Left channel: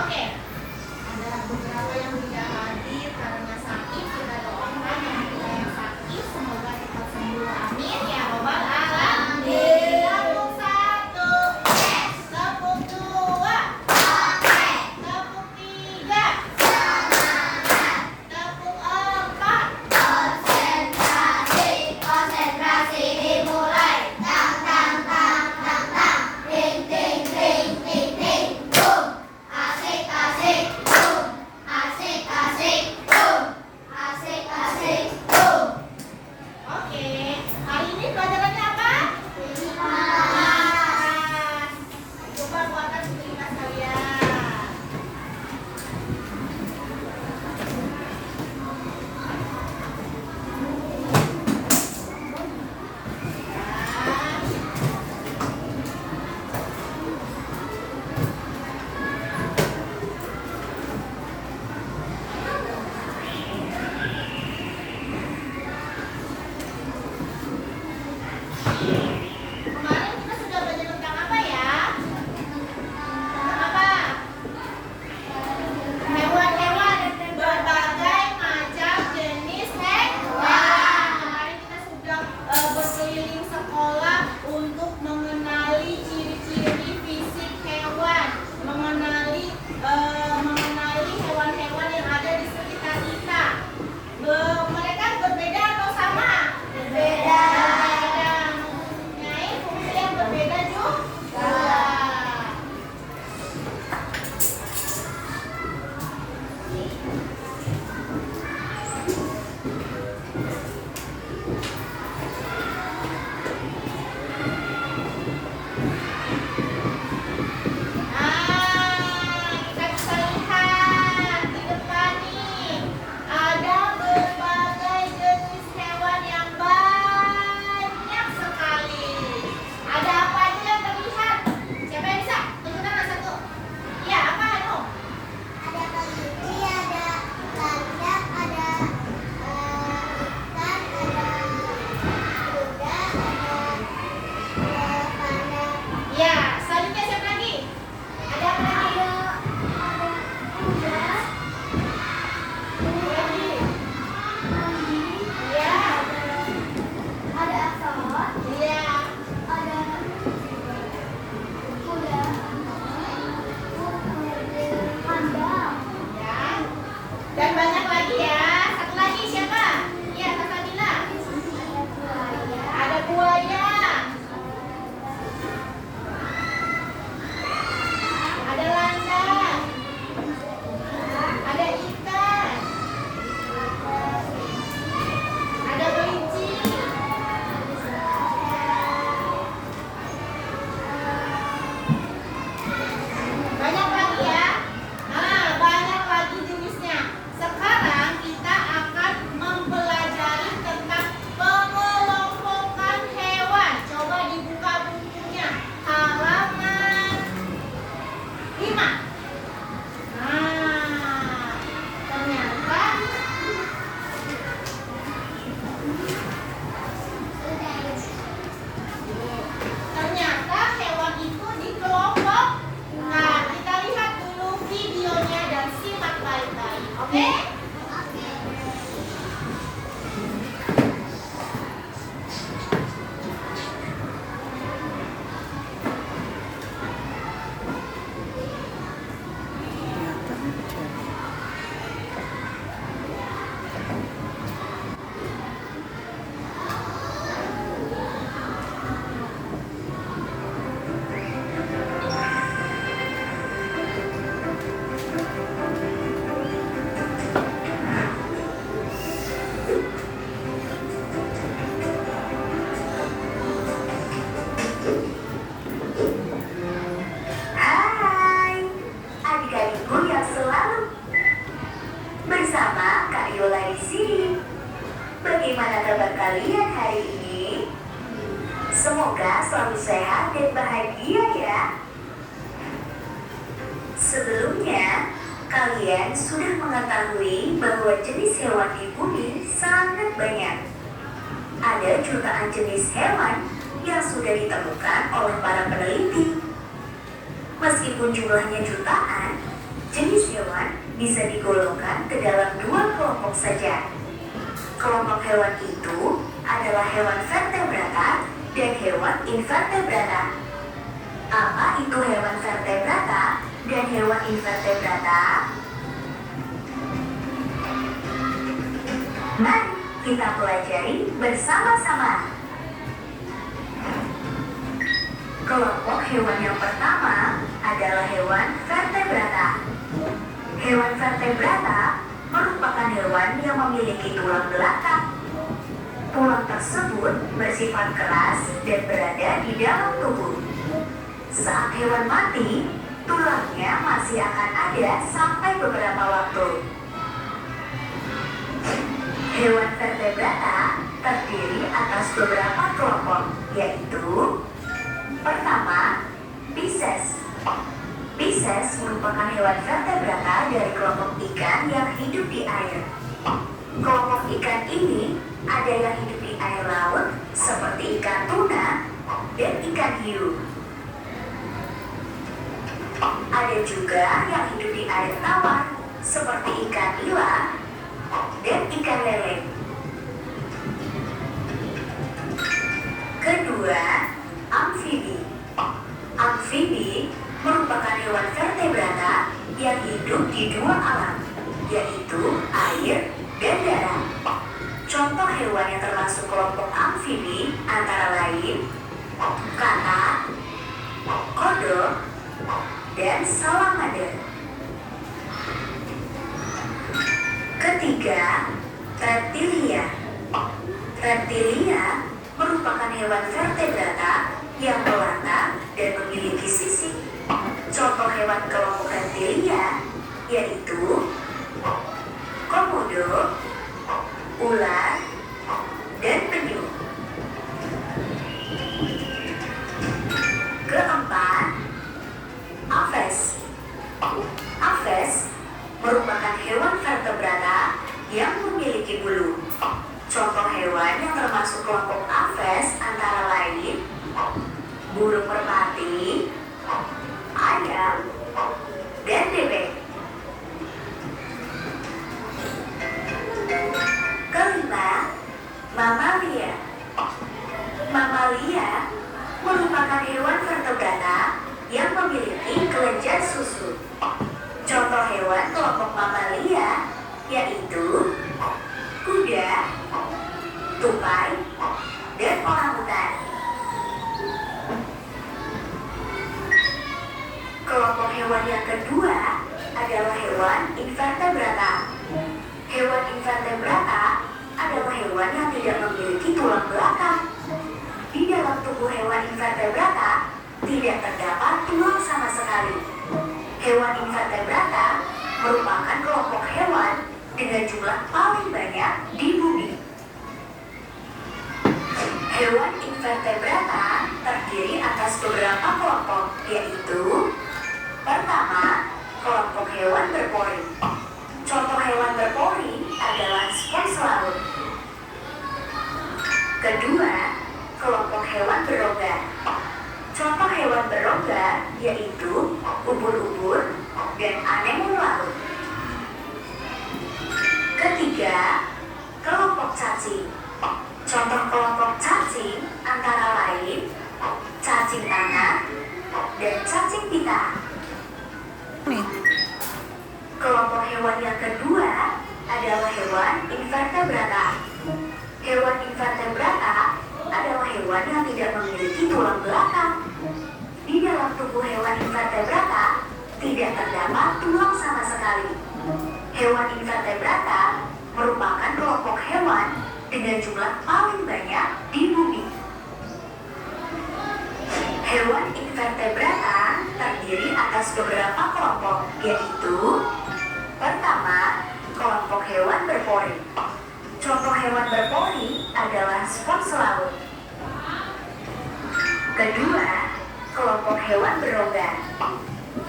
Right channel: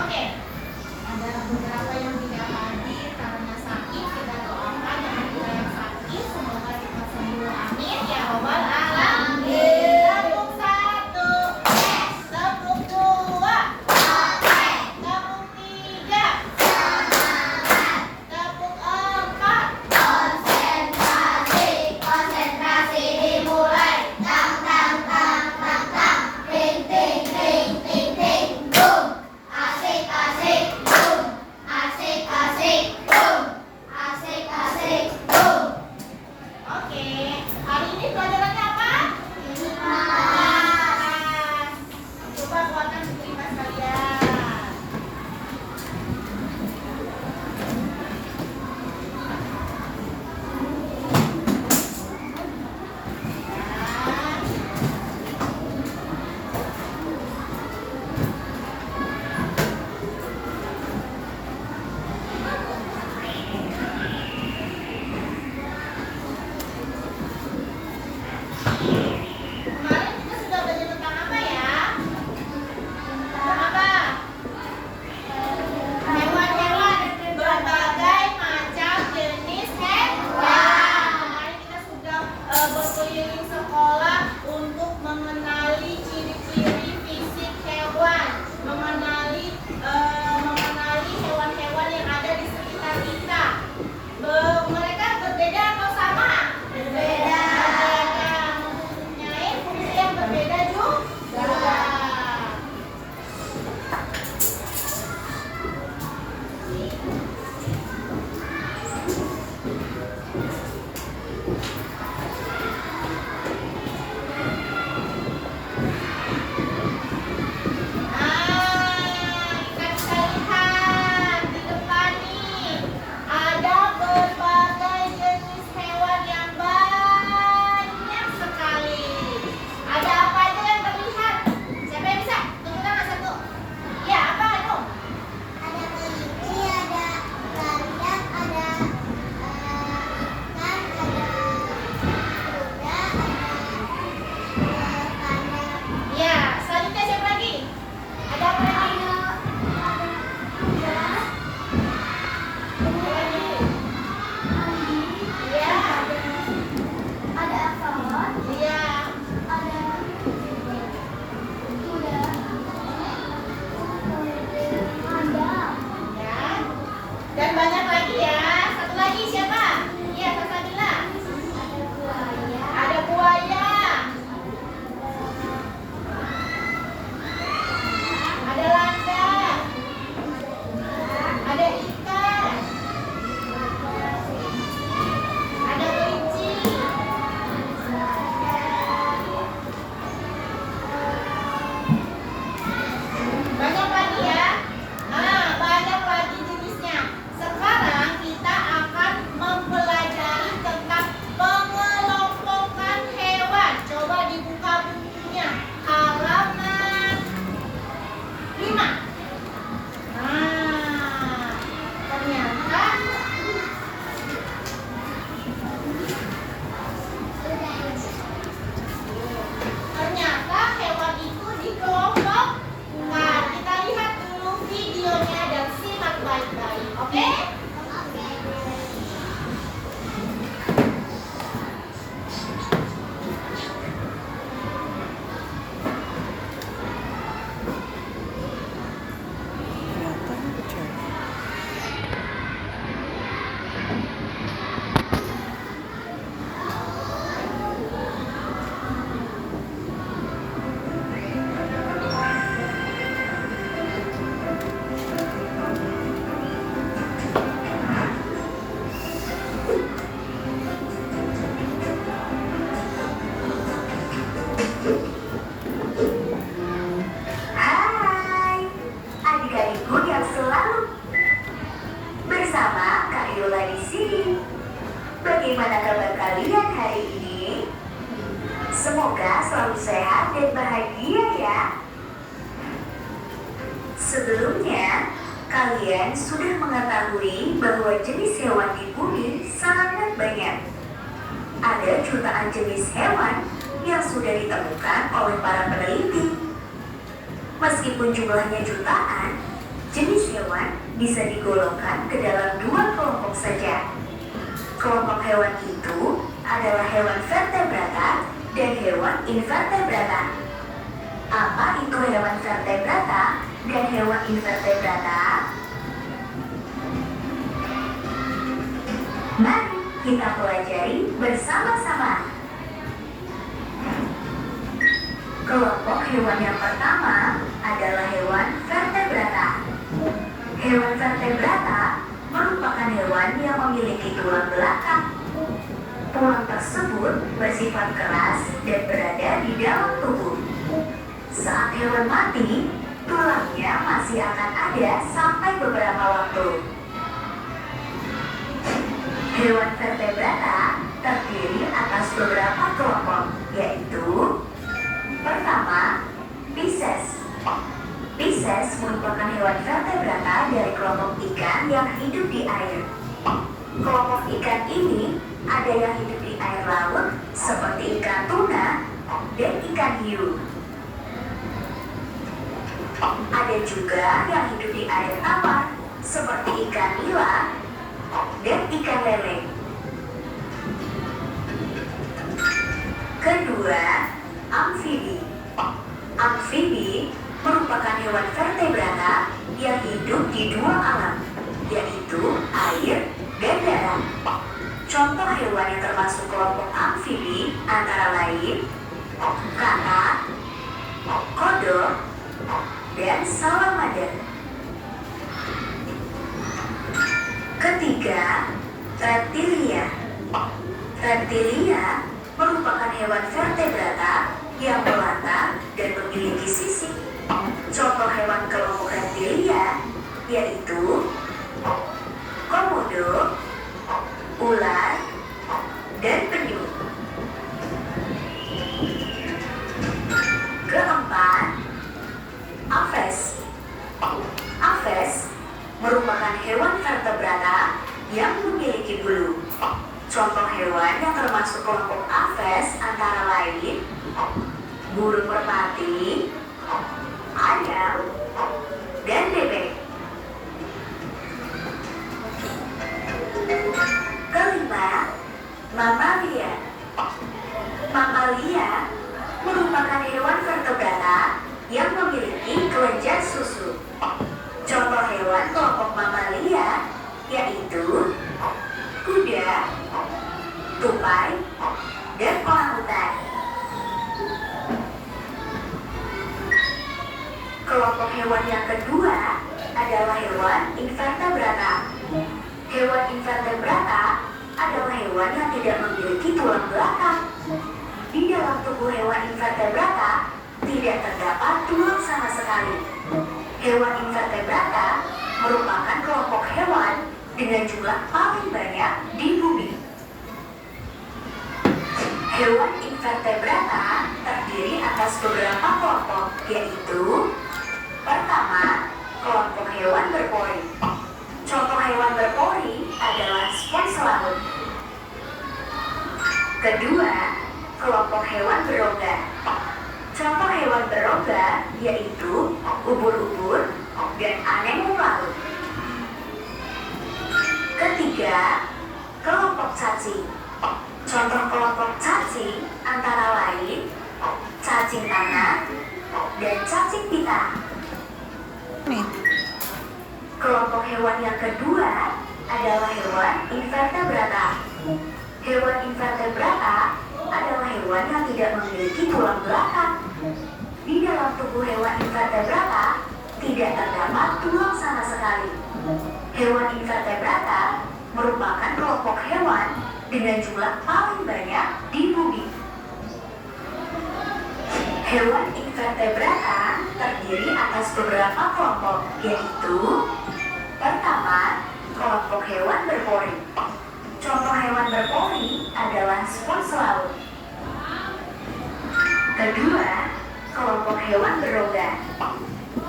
Oke, ada beberapa yang tidak hadir karena sakit. Kita doakan yang kita yang sakit semoga cepat sembuh. Amin ya robbal alamin. Tepuk satu, tepuk dua, tepuk tiga, tepuk empat. Konsentrasi dimulai. Tang tang tang tang tang. Ting ting ting ting ting. Boom. Asik asik boom. Asik asik boom. Asik asik boom. Oke, hari ini pelajarannya apa? Limas. Coba buatkan buku limas kalian. Kemarin kita sudah belajar tentang apa ya? Tentang apa? Hewan-hewan, berbagai macam jenis hewan. Kemarin kita sudah berkeliling sekolah untuk mengenali ciri-ciri fisik hewan, mengenali hewan-hewan yang ada di sekitar kita. Mereka berbeda atau sama? Berbeda. Mempunyai fungsi yang berbeda juga. Kita bisa lihat di depan nih ada berbagai jenis hewan yang banyak sekali. Ada apa aja yang terlihat? Siapa yang bisa? Tunjukkan satu. Ya, apa itu? Ada kelinci, ada landak, ada ikan, ada kuda, ada panda. Ya, selanjutnya siapa lagi? Ada apa lagi? Kuda, Apa lagi? anjing, Ya, ada axolotl, iya. ada kuda, panda, Ya. Dan banyak lagi ya. Satu lagi siapa? Iya, Kak Sabila. ada buaya, Ada buaya. Ada landak. Ada ikan. Ada kelinci. Banyak lagi ya. Nah, banyak lagi jenisnya. Sekarang kita akan mempelajari tentang pengelompokan hewan. Coba dibuka bukunya. Halaman 5. Nah, ternyata hewan itu dikelompok. Nah, kita lihat dulu videonya dan simak baik-baik. Oke? Hai, adik-adikku yang selalu bersama Kak Yola di sini. Bagaimana kabar kalian hari ini? Semoga selalu sehat dan bahagia ya. Sebelumnya, kalian sudah mengetahui bahwa jenis hewan di bumi sangat banyak. Ada jutaan jenis hewan yang sudah ditemukan oleh para peneliti. Meskipun jumlahnya jutaan, bisa digolongkan ke dalam dua kelompok saja. Kelompok hewan itu adalah hewan vertebrata dan hewan invertebrata. Apa itu hewan vertebrata dan hewan invertebrata? Mari kita pelajari bersama-sama. Kelompok hewan yang pertama adalah hewan vertebrata. Hewan vertebrata merupakan hewan yang memiliki tulang belakang. Tulang tersebut bersifat keras dan berada di dalam tubuh. Saat hewan mati, tulangnya masih akan ada sampai beberapa waktu. Hewan vertebrata terdiri atas beberapa kelompok, yaitu pertama, Pisces. Pisces merupakan hewan vertebrata dari kelompok ikan yang hidup di air. Kelompok ikan ini ada yang hidup di air laut seperti ikan tuna dan ikan hiu. Ada juga yang hidup di air tawar seperti ikan nila dan ikan lele. Kedua, amfibi. Amfibi merupakan hewan vertebrata yang hidup di dua alam, yaitu air dan darat. Contoh hewan yang termasuk kelompok amfibi antara lain katak, kodok, dan salamander. Ketiga, reptilia. Reptilia merupakan hewan vertebrata yang berwarna dan memiliki sisik. Contoh hewan kelompok reptilia yaitu komodo, ular, dan penyu. Keempat, aves. Aves merupakan hewan vertebrata yang memiliki bulu. Contoh hewan yang termasuk kelompok aves antara lain burung merpati, ayam, dan bebek. Kelima, mamalia. Mamalia merupakan hewan vertebrata yang memiliki kelenjar susu. Contoh hewan kelompok mamalia yaitu kuda, tupai, dan orangutan. Kelompok hewan yang kedua adalah hewan invertebrata. Hewan invertebrata adalah hewan yang tidak memiliki tulang belakang. Di dalam tubuh hewan invertebrata tidak terdapat tulang sama sekali. Hewan invertebrata merupakan kelompok hewan dengan jumlah paling banyak di bumi. Hewan invertebrata terdiri atas beberapa kelompok, yaitu pertama, kelompok hewan berpori. Contoh hewan berpori adalah spons laut. Kedua, kelompok hewan berongga. Contoh hewan berongga yaitu ubur-ubur dan anemon laut. Ketiga, kelompok cacing. Contoh kelompok cacing antara lain cacing tanah dan cacing pita. Kelompok hewan yang kedua adalah hewan invertebrata. Hewan invertebrata adalah hewan yang tidak memiliki tulang belakang. Di dalam tubuh hewan invertebrata tidak terdapat tulang sama sekali. Hewan invertebrata merupakan kelompok hewan dengan jumlah paling banyak di bumi. Hewan invertebrata terdiri atas beberapa kelompok, yaitu pertama, kelompok hewan berpori. Contoh hewan berpori adalah spons laut. Kedua, kelompok hewan berongga.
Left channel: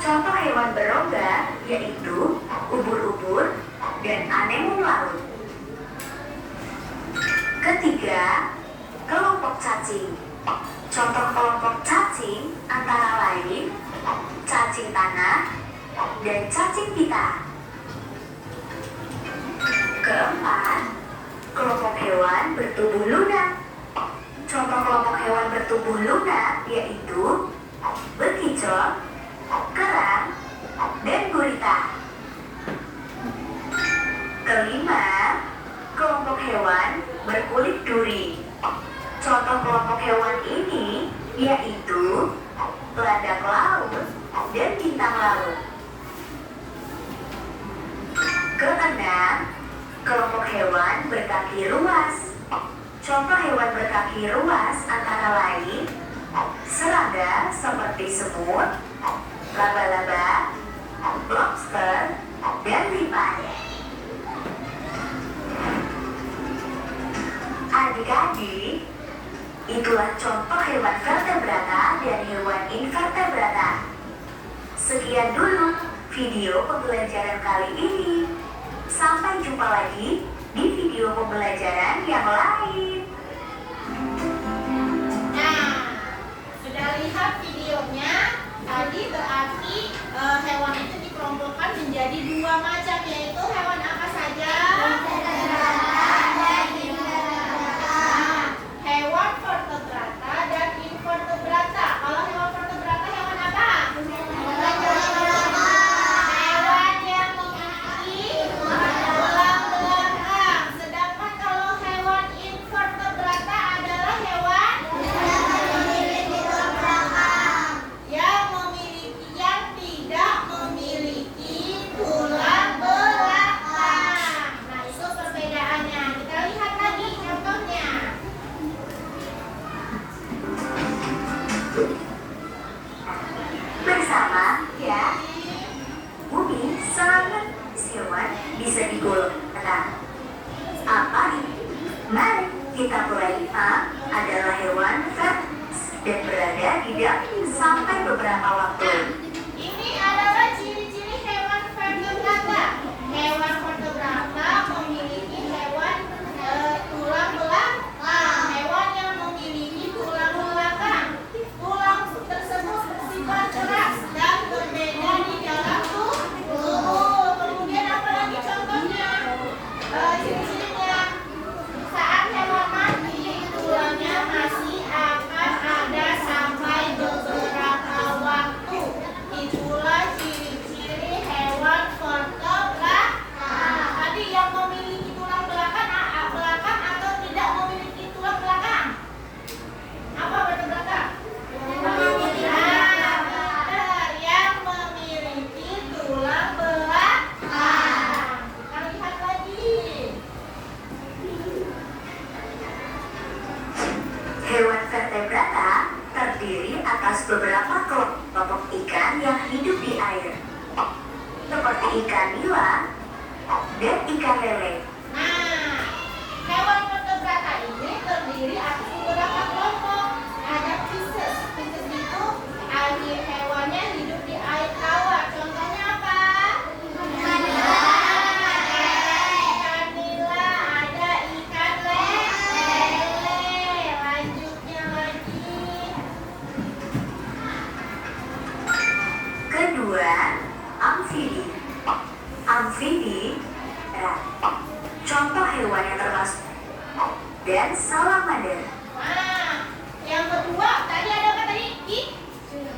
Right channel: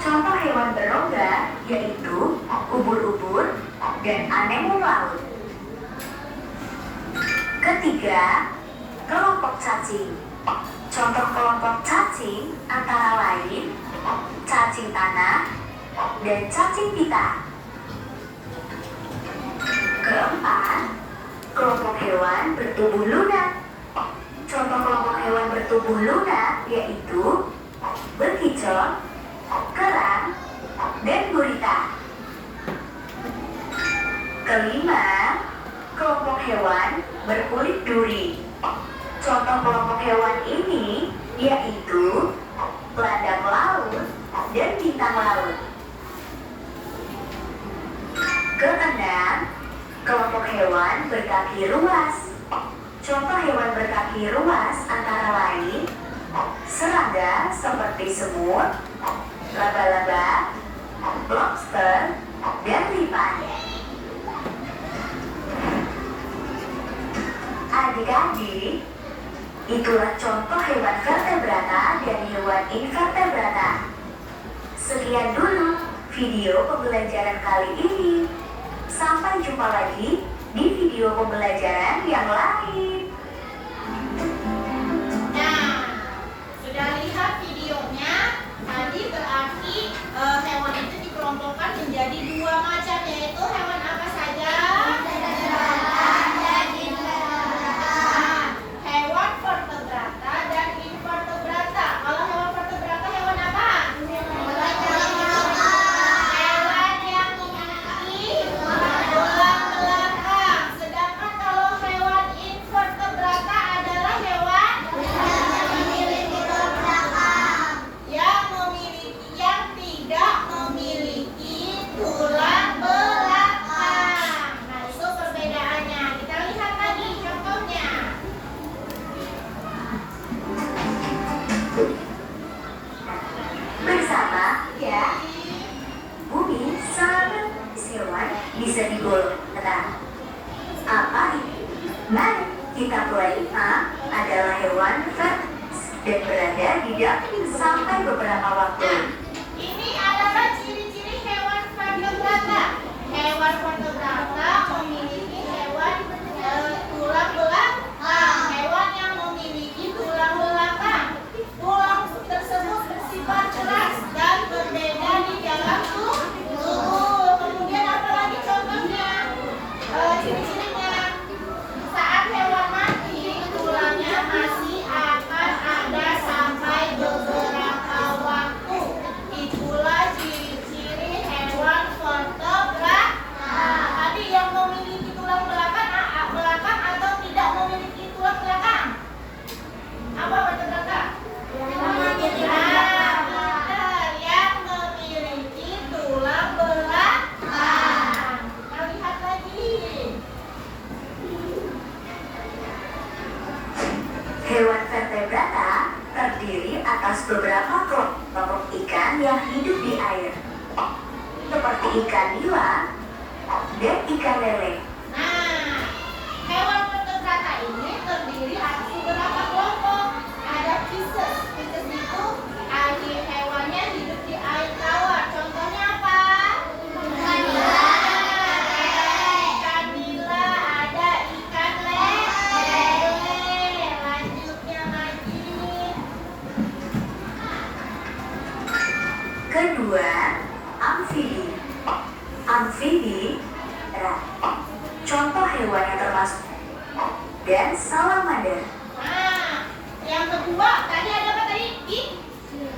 Contoh hewan berongga yaitu ubur-ubur dan anemon laut. Ketiga, kelompok cacing. Contoh kelompok cacing antara lain cacing tanah dan cacing pita. Keempat, kelompok hewan bertubuh lunak. Contoh kelompok hewan bertubuh lunak yaitu bekicot, kerang, dan gurita. Kelima, kelompok hewan berkulit duri. Contoh kelompok hewan ini yaitu landak laut dan bintang laut. Keenam, kelompok hewan berkaki luas. Contoh hewan berkaki luas antara lain serangga seperti semut, laba-laba, lobster, dan lipat. Adik-adik, itulah contoh hewan vertebrata dan hewan invertebrata. Sekian dulu video pembelajaran kali ini. Sampai jumpa lagi di video pembelajaran yang lain. Nah, sudah lihat videonya? Tadi berarti hewan itu dikelompokkan menjadi dua macam, yaitu hewan apa saja? Hewan vertebrata dan invertebrata. Kalau hewan vertebrata hewan apa? Hewan yang memiliki tulang belakang. Sedangkan kalau hewan invertebrata adalah hewan yang tidak memiliki tulang belakang. Nah, itu perbedaannya. Kita lihat lagi contohnya. Bersama ya, bumi sangat hewan bisa digolongkan. Apa itu? Mari kita mulai. A adalah hewan vertebrata dan berada di daging sampai beberapa waktu. Ini adalah ciri-ciri hewan vertebrata. Hewan vertebrata memiliki hewan tulang belakang. Hewan yang memiliki tulang belakang. Tulang tersebut bersifat keras dan berbeda di dalam tubuh. Kemudian apa lagi contohnya? Ciri-cirinya. Saat hewan mati, tulangnya masih akan ada sampai beberapa waktu. Itulah ciri-ciri hewan vertebrata. Tadi yang memiliki tulang belakang atau tidak memiliki tulang belakang? Apa vertebrata? Benar, yang memiliki tulang belakang. Kita lihat lagi. Hewan vertebrata terdiri atas beberapa kelompok ikan yang hidup di air, seperti ikan nila dan ikan lele. Nah, hewan vertebrata ini terdiri atas beberapa kelompok. Ada Pisces. Pisces itu air hewannya hidup di air tawar. Contohnya apa? Ikan nila, ada ikan lele. Lanjutnya lagi. Kedua, amfibi. Amfibi contoh hewan yang termasuk dan salamander. Nah, yang kedua tadi ada apa tadi?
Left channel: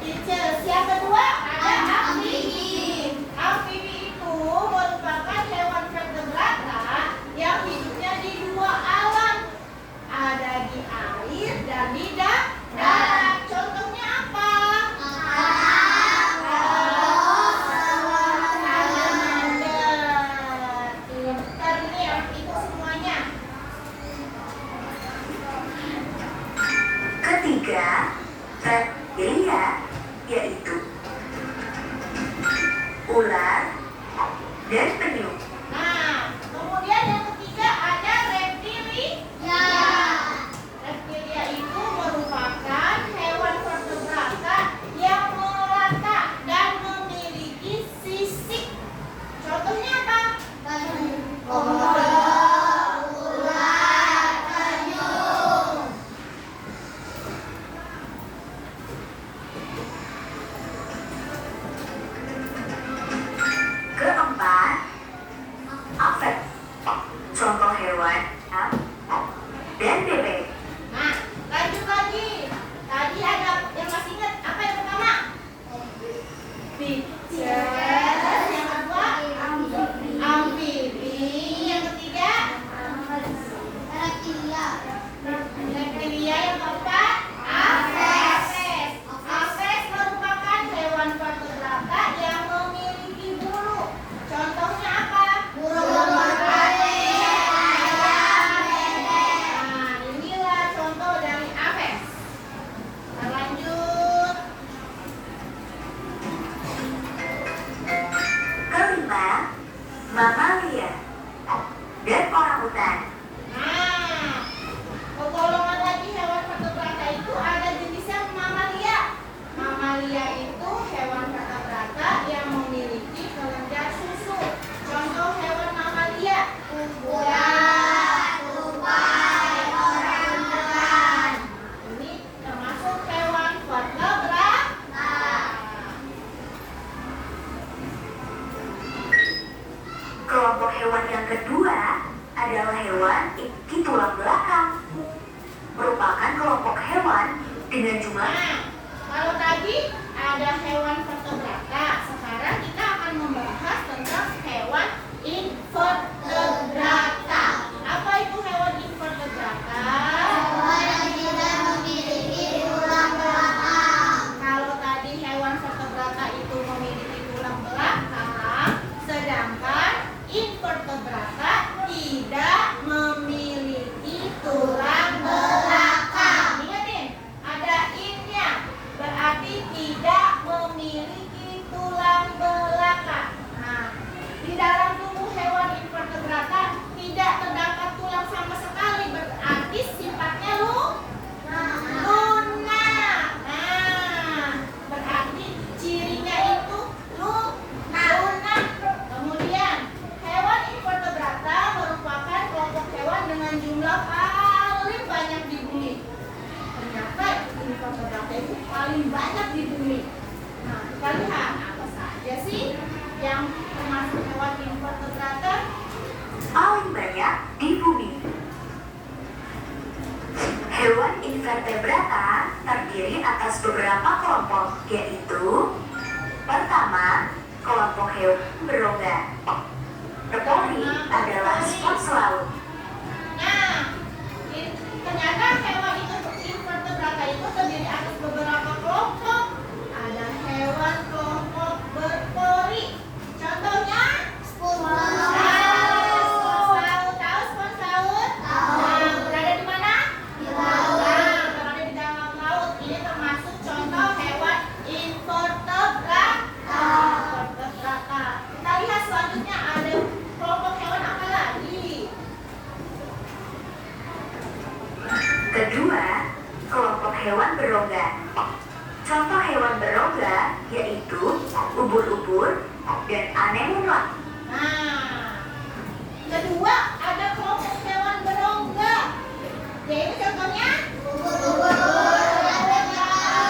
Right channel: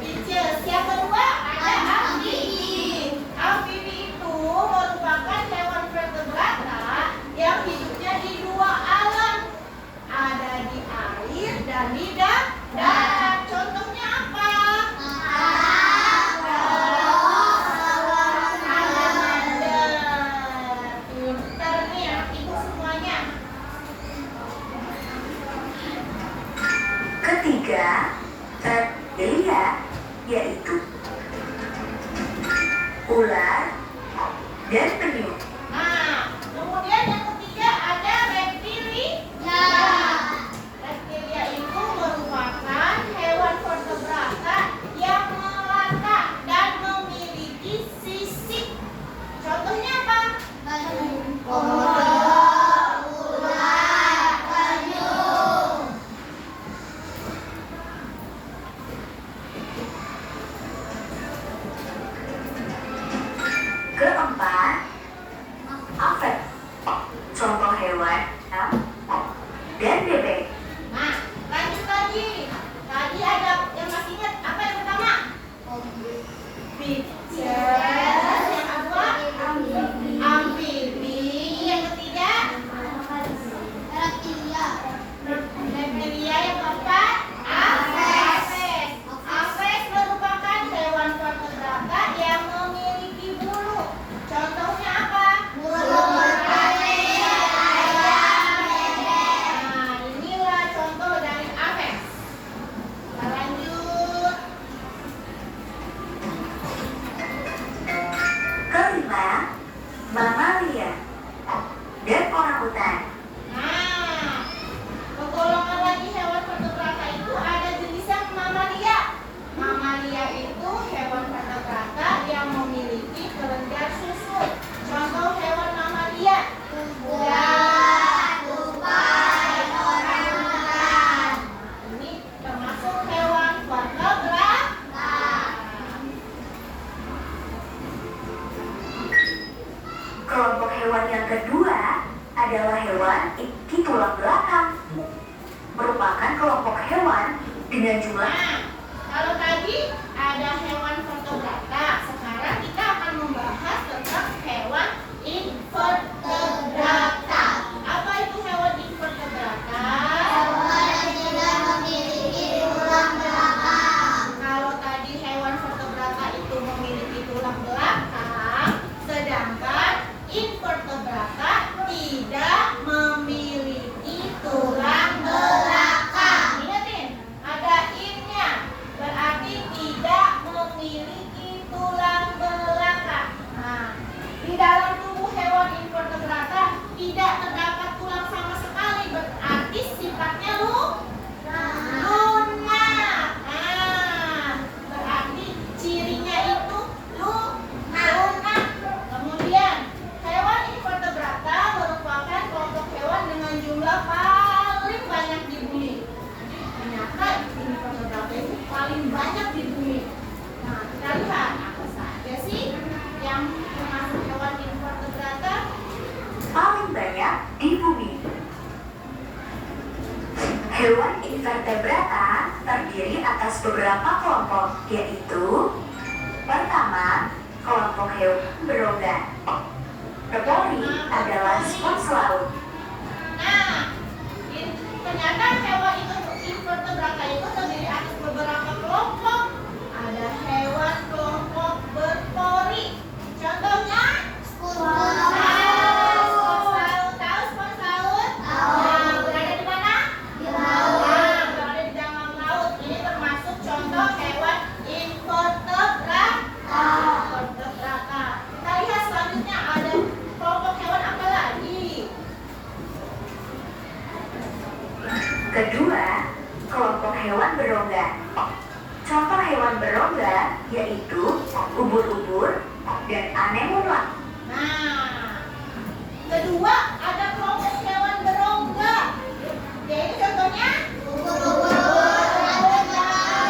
Pisces. Yang kedua ada amfibi. Amfibi itu merupakan hewan vertebrata yang hidupnya di dua alam. Ada di air dan di darat. Contohnya apa? Salamander. Pintar nih anak itu semuanya. Ketiga, reptilia, yaitu ular dan penyu. Nah, kemudian yang ketiga ada reptilia. Reptilia itu merupakan hewan vertebrata yang melata dan memiliki sisik. Contohnya apa? Keempat, Kelima, mamalia dan orangutan. Nah, kegolongan lagi hewan vertebrata itu ada jenisnya mamalia. Mamalia itu hewan vertebrata yang memiliki kelenjar susu. Contoh hewan mamalia: kuda, tupai, orangutan. Ini termasuk hewan vertebrata. Kelompok hewan yang kedua adalah hewan iki tulang belakang. Merupakan kelompok hewan dengan jumlah. Nah, kalau tadi ada hewan vertebrata, sekarang kita akan membahas tentang hewan invertebrata. Apa itu hewan invertebrata? Hewan yang tidak memiliki tulang belakang. Kalau tadi hewan vertebrata itu memiliki tulang belakang, sedangkan invertebrata tidak memiliki tulang belakang. Ingatin, ada in-nya, berarti tidak memiliki tulang belakang. Nah, di dalam tubuh hewan invertebrata tidak terdapat tulang sama sekali, berarti sifatnya lunak. Nah, berarti cirinya itu lunak. Kemudian, hewan invertebrata merupakan kelompok hewan dengan jumlah paling banyak di bumi. Ternyata invertebrata itu paling banyak di bumi. Nah, kita lihat apa saja sih yang termasuk hewan invertebrata. Paling banyak di bumi. Hewan invertebrata terdiri atas beberapa kelompok, yaitu: pertama, kelompok hewan berongga. Repoli adalah spons laut. Nah, ternyata hewan itu invertebrata itu terdiri atas beberapa kelompok. Ada hewan kelompok berpori. Contohnya spons laut. Tahu spons laut? Nah, berada di mana? Di laut. Nah, berada di dalam laut. Ini termasuk contoh hewan invertebrata. Kita lihat selanjutnya ada kelompok hewan apa lagi? Kedua, kelompok hewan berongga. Contoh hewan berongga yaitu ubur-ubur dan anemona. Nah, kedua ada kelompok hewan berongga. Yaitu contohnya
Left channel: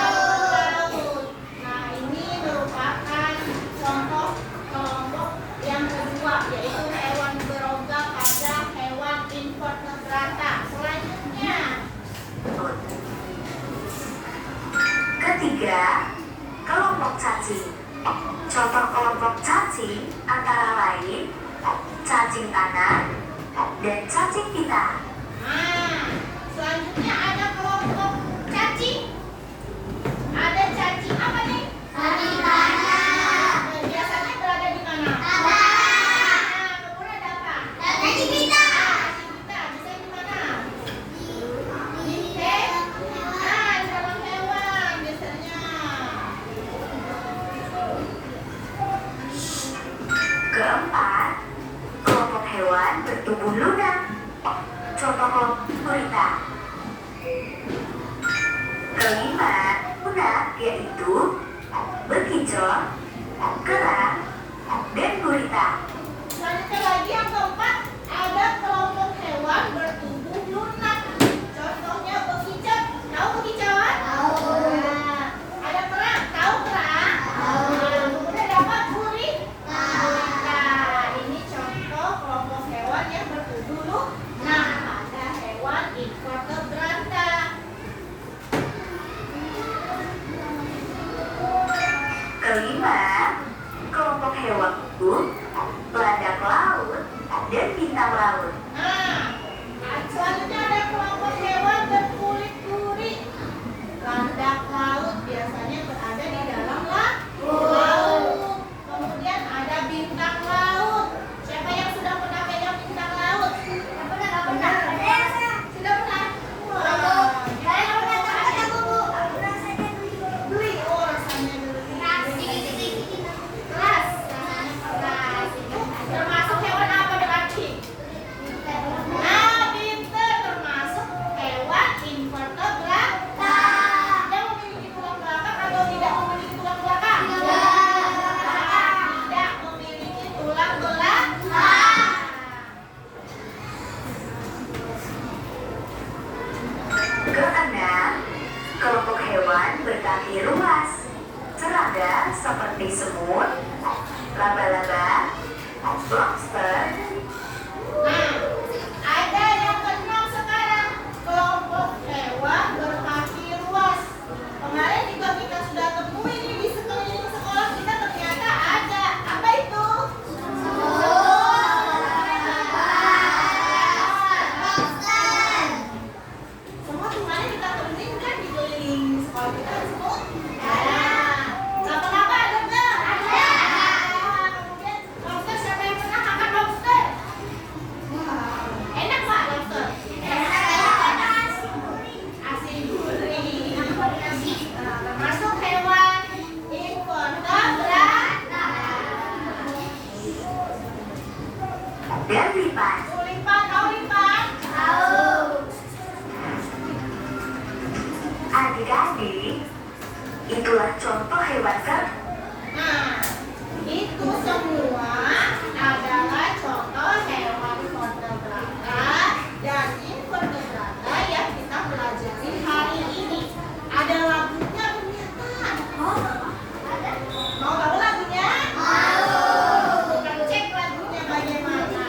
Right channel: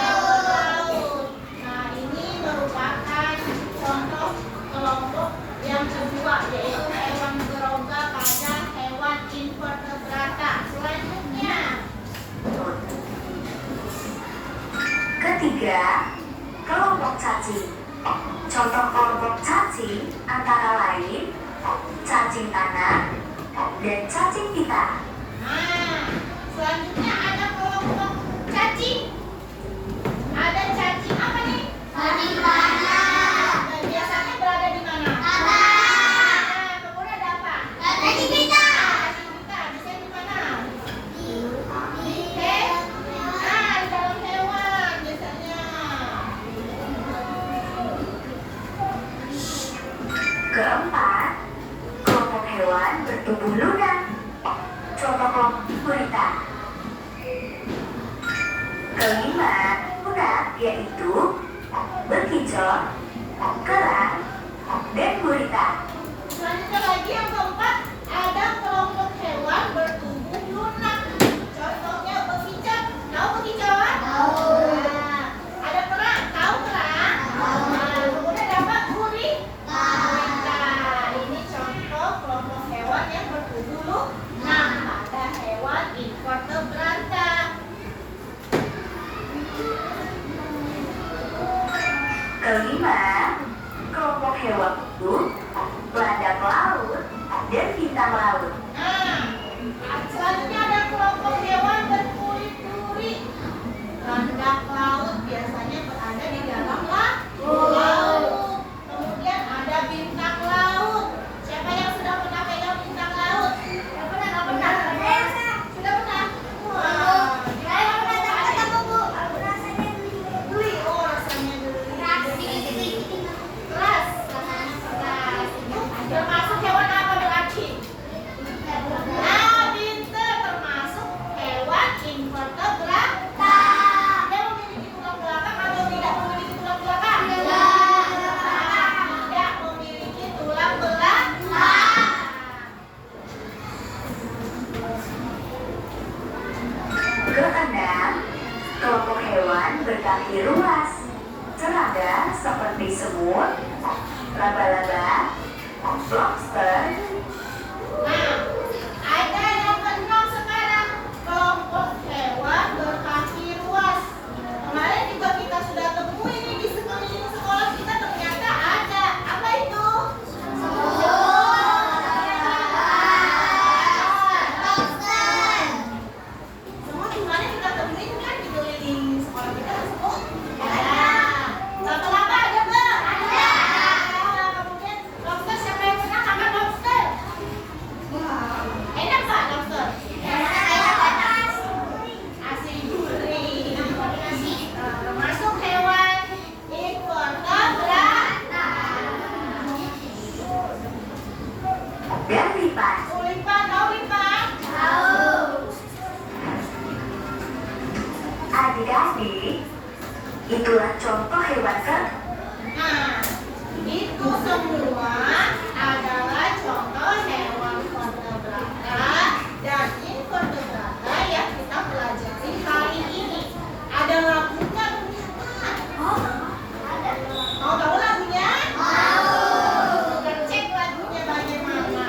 laut. Nah, ini merupakan contoh kelompok yang kedua, yaitu hewan berongga pada hewan invertebrata. Selanjutnya, Ketiga, kelompok cacing. Contoh kelompok cacing antara lain cacing tanah dan cacing pita. nah, selanjutnya ada kelompok cacing. Ada cacing apa nih? Cacing tanah. Dan biasanya berada di mana? Tanah. Nah, kemudian ada apa? Cacing pita. Cacing pita bisa di mana? Di dalam hewan biasanya. Keempat, kelompok hewan bertubuh lunak. Contoh kelompok gurita. Kelima, lunak yaitu bekicot, kerang, dan gurita. Selanjutnya lagi yang keempat ada kelompok hewan bertubuh lunak. Contohnya bekicot. Tahu bekicot? Tahu. Nah, ada kerang. Tahu kerang? Tahu. Nah, kemudian dapat gurita. Nah, Ini contoh kelompok hewan yang bertubuh lunak. Ada hewan invertebrata. Kelima, kelompok hewan laut, landak laut, dan Lobster, Nah, ada yang keenam sekarang, kelompok hewan berkaki luas. Kemarin juga kita sudah temui ini di sekeliling sekolah kita, ternyata ada. Apa itu? Semua kemarin kita temui kan di keliling sekolah kita semua. Ada. Laba-laba ada nggak? Ada. Kemudian lobster, siapa yang pernah makan lobster? Enak nggak lobster? Asin gurih. Termasuk hewan invertebrata. dan lipat. Lipat, tahu lipat? Adik-adik, itulah contoh hewan Nah, itu semua adalah contoh hewan vertebrata dan invertebrata yang kita pelajari hari ini. Ada lagunya ternyata. Mau tahu lagunya? Kita cek lagunya bagaimana.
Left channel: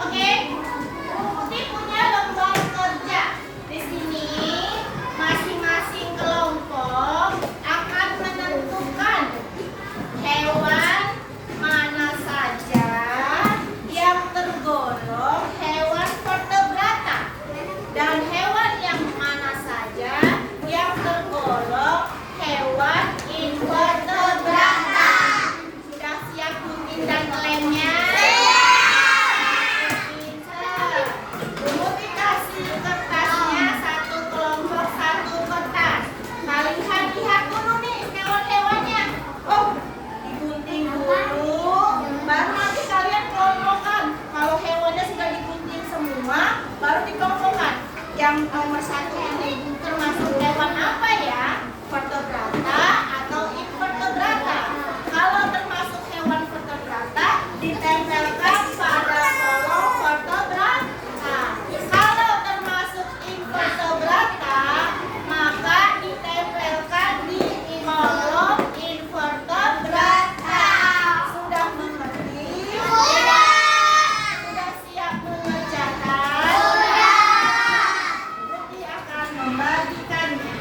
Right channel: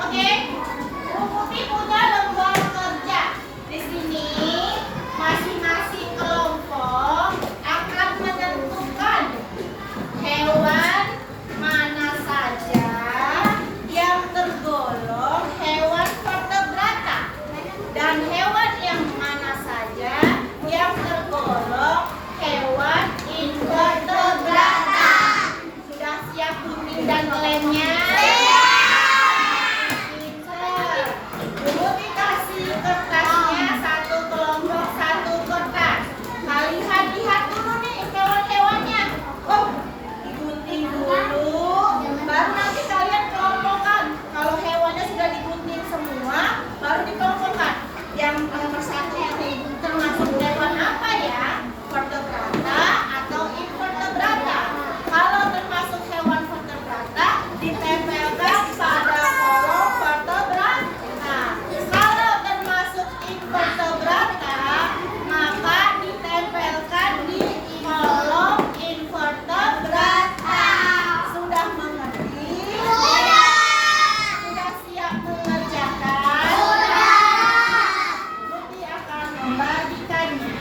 Oke, Bu Putih punya lembar kerja. Di sini masing-masing kelompok akan menentukan hewan mana saja yang tergolong hewan vertebrata dan hewan yang mana saja yang tergolong hewan invertebrata. Sudah siap gunting dan lemnya? Bumbu dikasih kertasnya satu kelompok satu kertas. Kalian lihat dulu nih hewan-hewannya. Oh, digunting dulu, baru nanti kalian kelompokkan. Kalau hewannya sudah digunting semua, baru dikelompokkan. Yang nomor satu ini termasuk hewan apa ya? Vertebrata atau invertebrata? Kalau termasuk hewan vertebrata, ditempelkan pada kolom vertebrata. Kalau termasuk invertebrata, maka ditempelkan di kolom invertebrata. Sudah mengerti? Sudah siap mengerjakan? Budi akan membagikannya.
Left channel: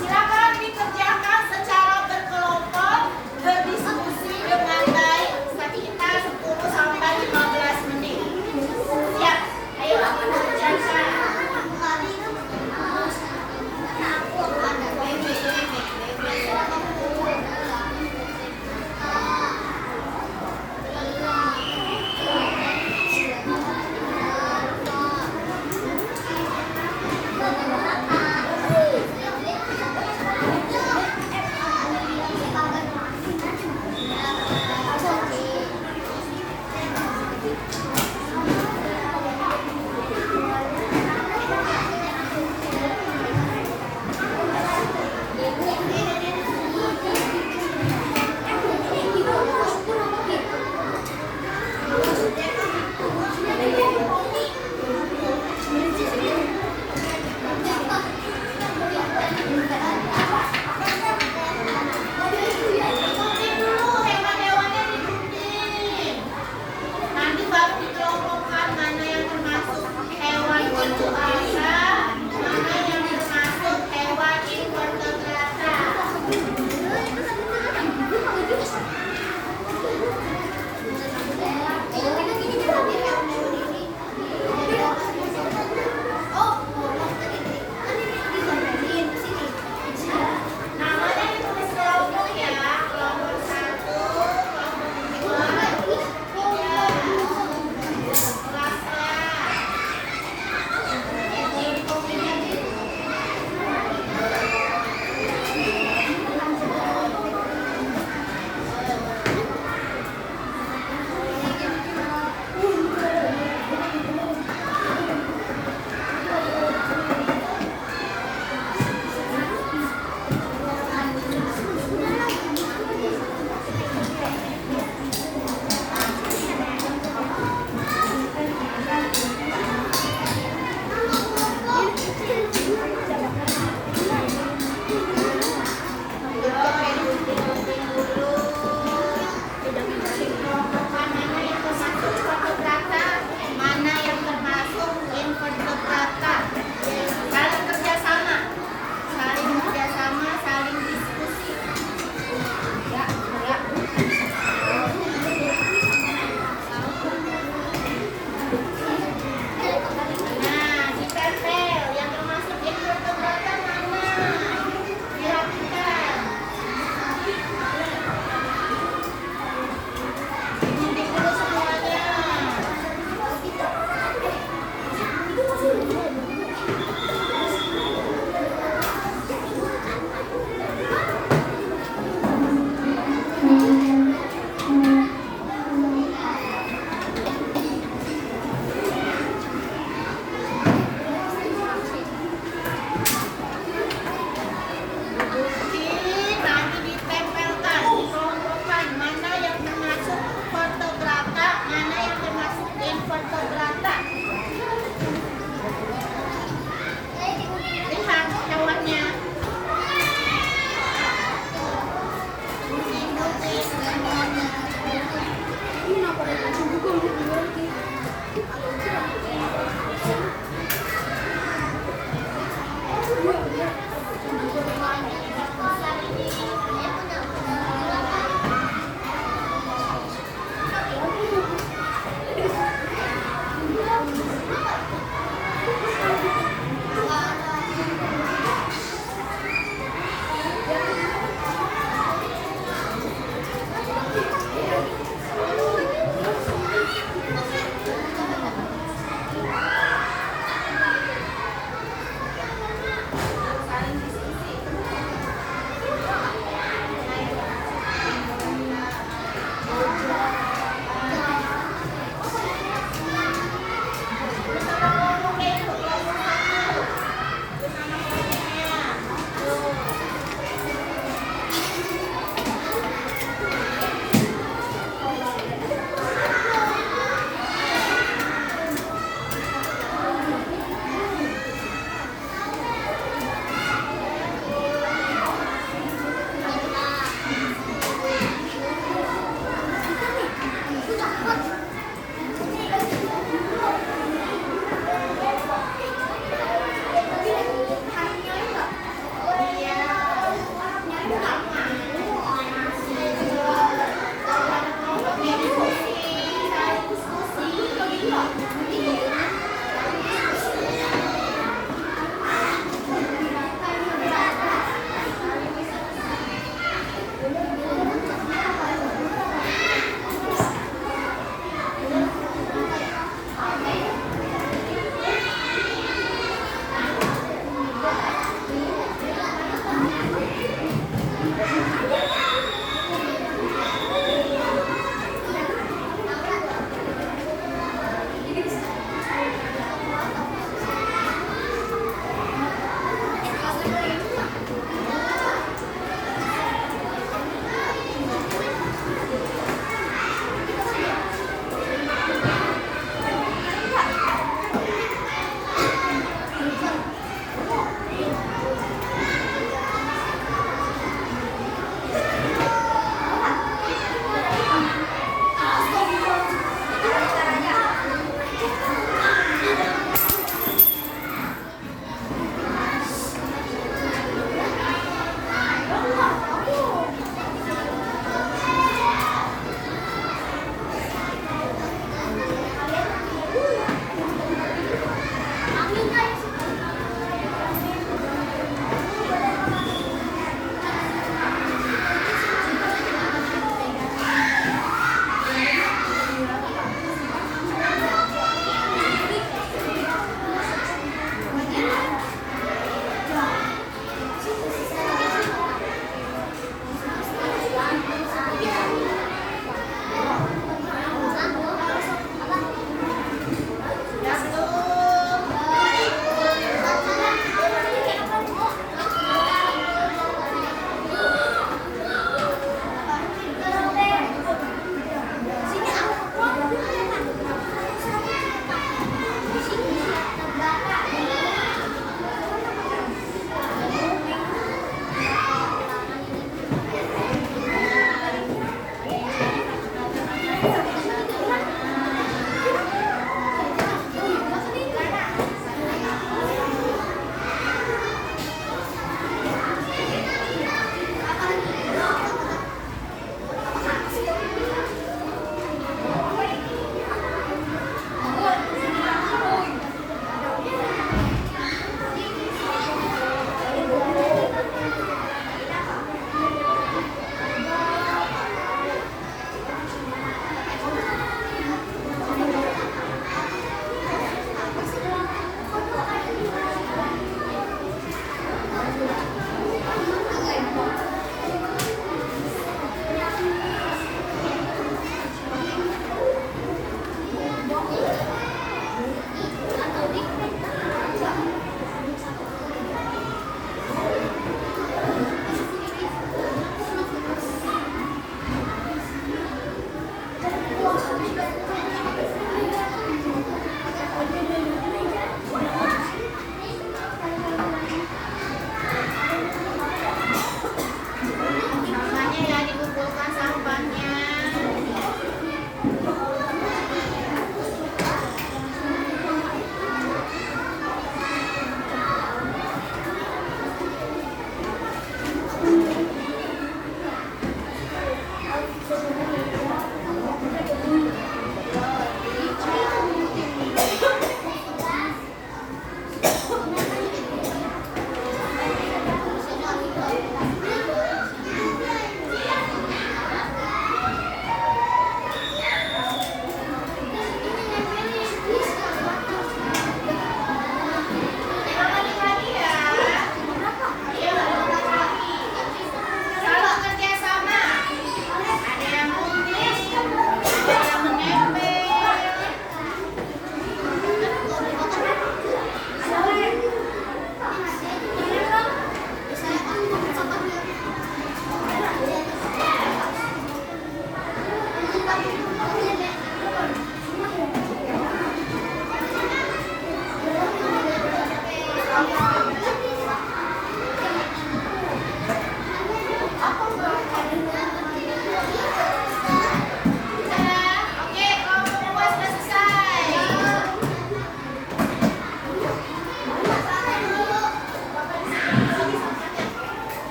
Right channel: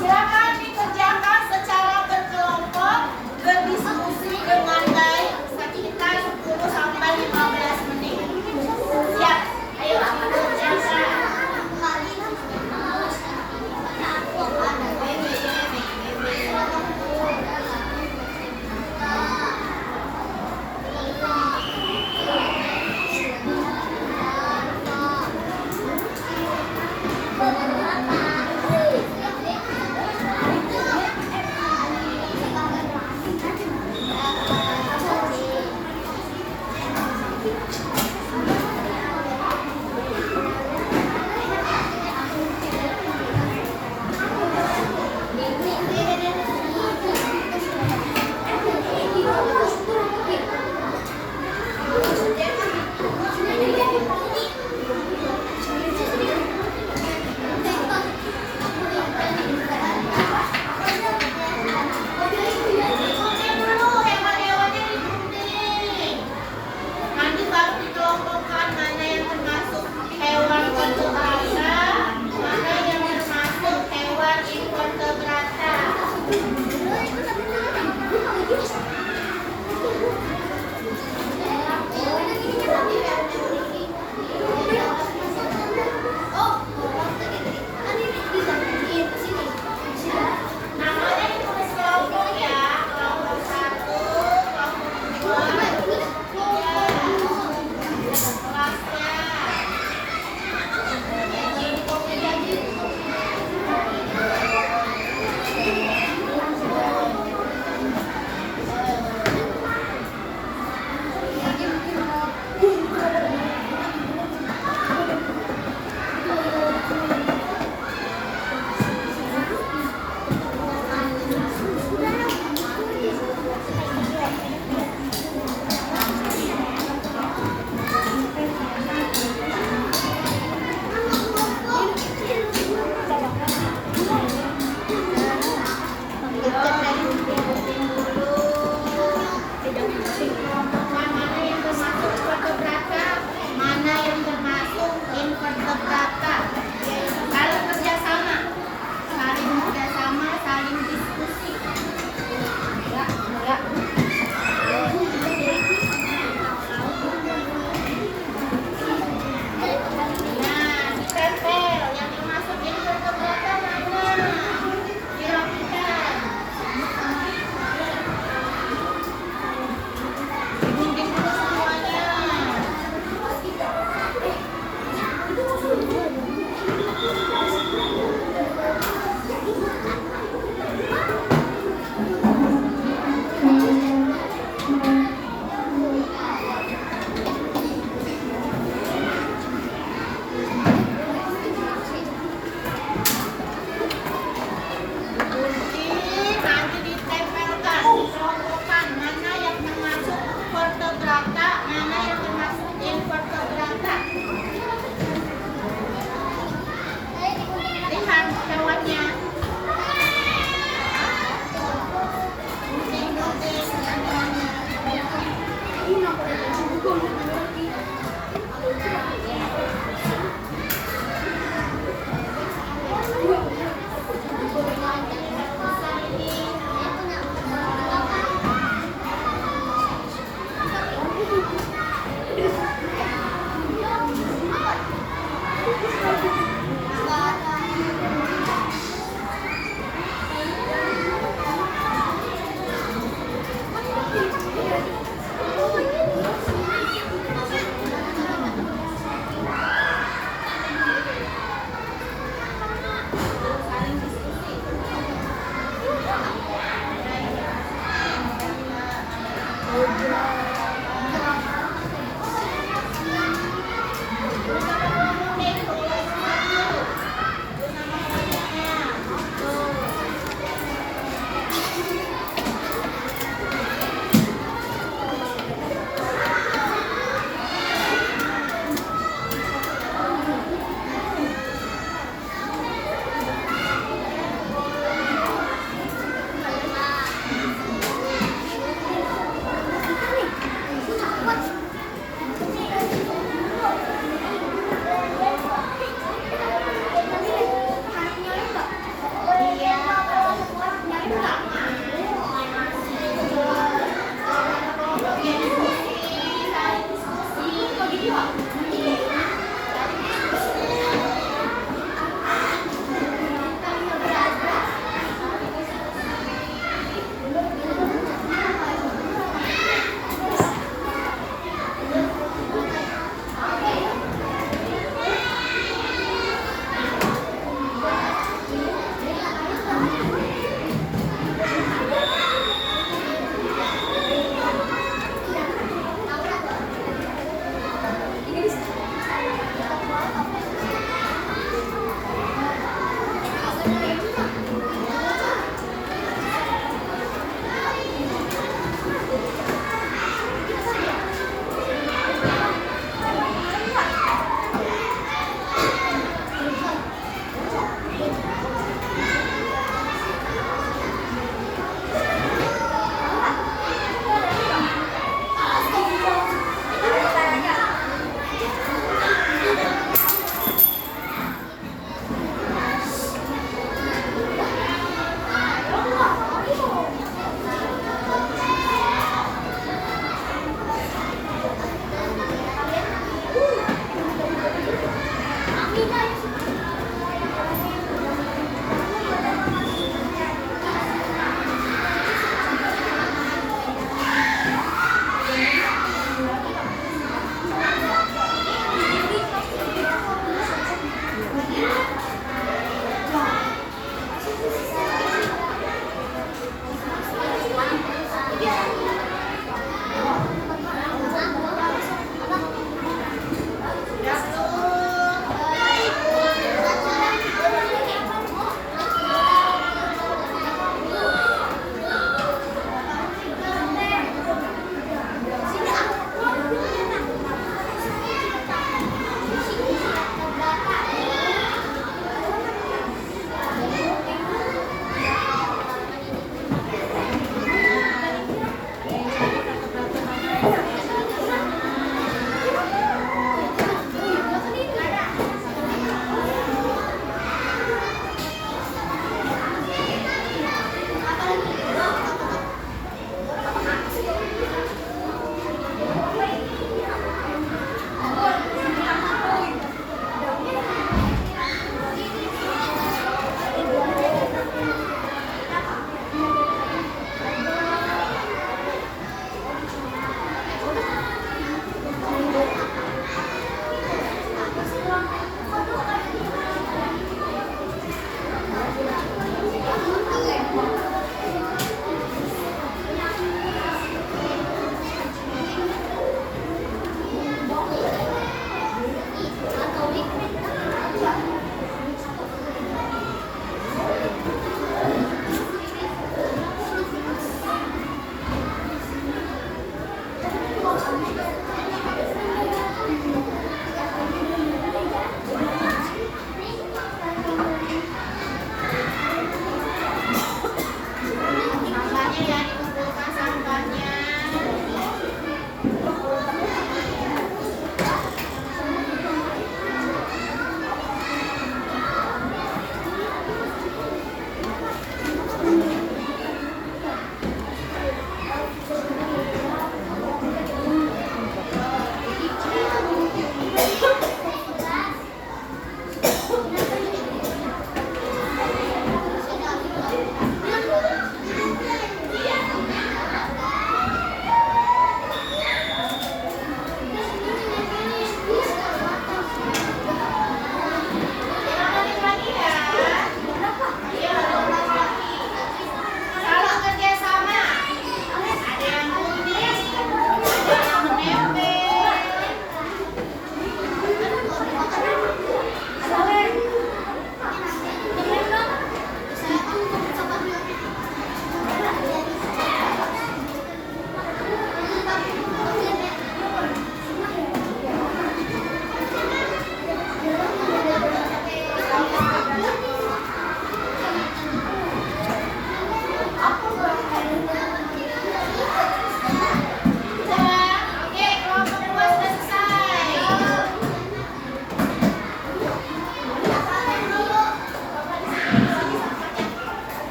Silakan dikerjakan secara berkelompok, berdiskusi dengan baik sekitar 10 sampai 15 menit. Siap? Ayo.